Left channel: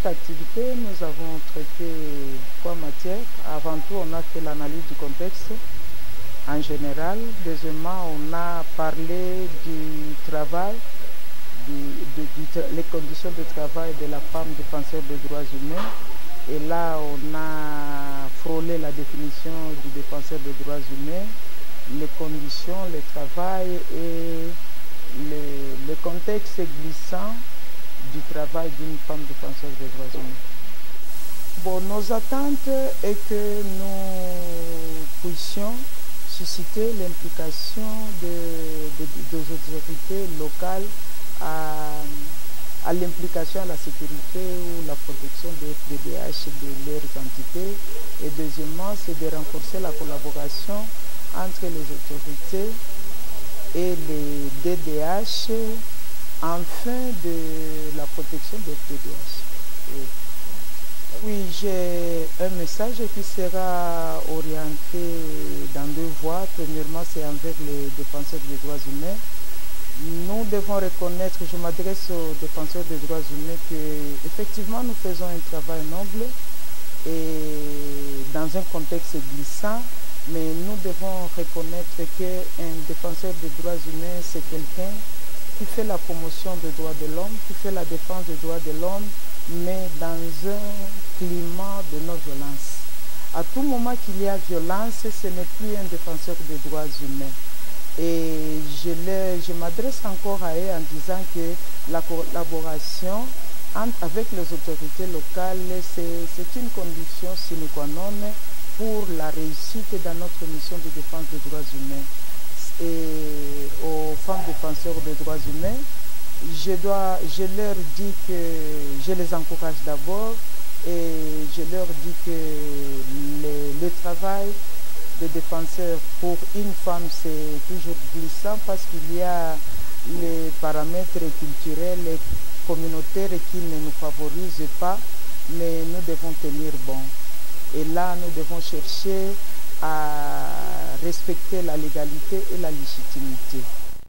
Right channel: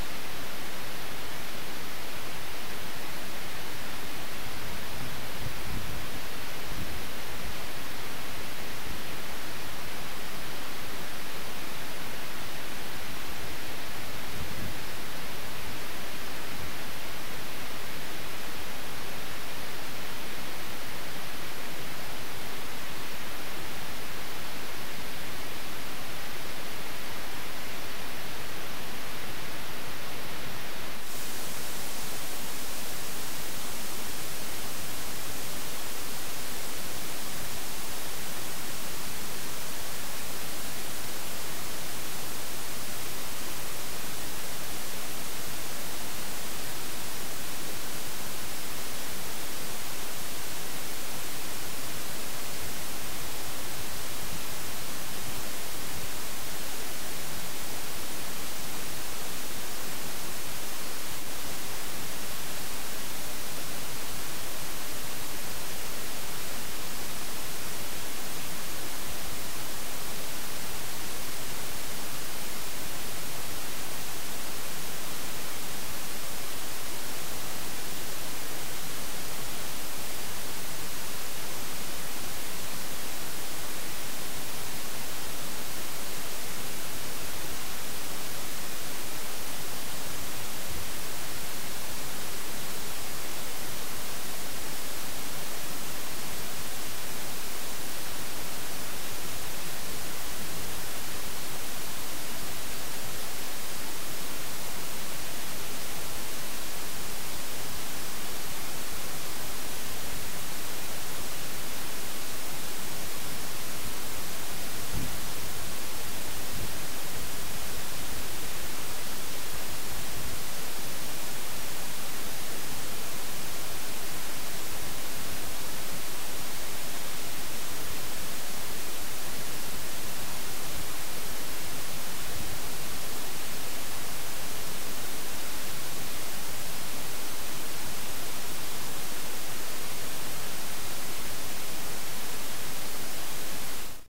cette activité, nous avons traité 3 matières. Avant tout, on a fait l'analyse du contexte en général. Deuxièmement, on a parlé du travail, les conditions de travail de la femme défenseur des droits humains. Et là, on a frôlé la définition du défenseur des droits humains, les conditions, le travail et le contexte glissant du travail d'une femme défenseur des droits humains. Bon, nos attentes est que nous puissions susciter l'implication des autorités locales à l'implication à la sécurité ou la protection des DDH et de leur identité. Et deuxièmement, c'est de renforcer la collaboration entre les autorités et les DDH afin de la protection des DDH. Oui, j'ai un message qui sera orienté dans 2 voies. Premièrement, c'est envers les défenseurs des droits humains. Nous devons reconnaître, je m'adresse aux défenseurs des droits humains, qu'effectivement nous faisons un travail noble et dans un contexte glissant, mais nous devons reconnaître qu'un défenseur des droits humains, c'est quelqu'un qui fait la promotion des droits de l'homme, qui fait la défense des droits de l'homme, mais dans un climat de non-violence. À tout moment qu'il y a violence, ce n'est plus un défenseur des droits humains. Et je m'adresse encore à eux en disant que la collaboration avec les autorités locales, c'est une condition sine qua non pour la réussite dans notre mission de défense des droits humains. Et aux femmes défenseurs des droits humains, je leur dis que je les encourage d'abord et je leur dis que le travail des défenseurs pour une femme c'est toujours glissant parce qu'il y a les paramètres culturels et communautaires qui ne nous favorisent pas, mais nous devons tenir bon. Et là, nous devons chercher à respecter la légalité et la légitimité.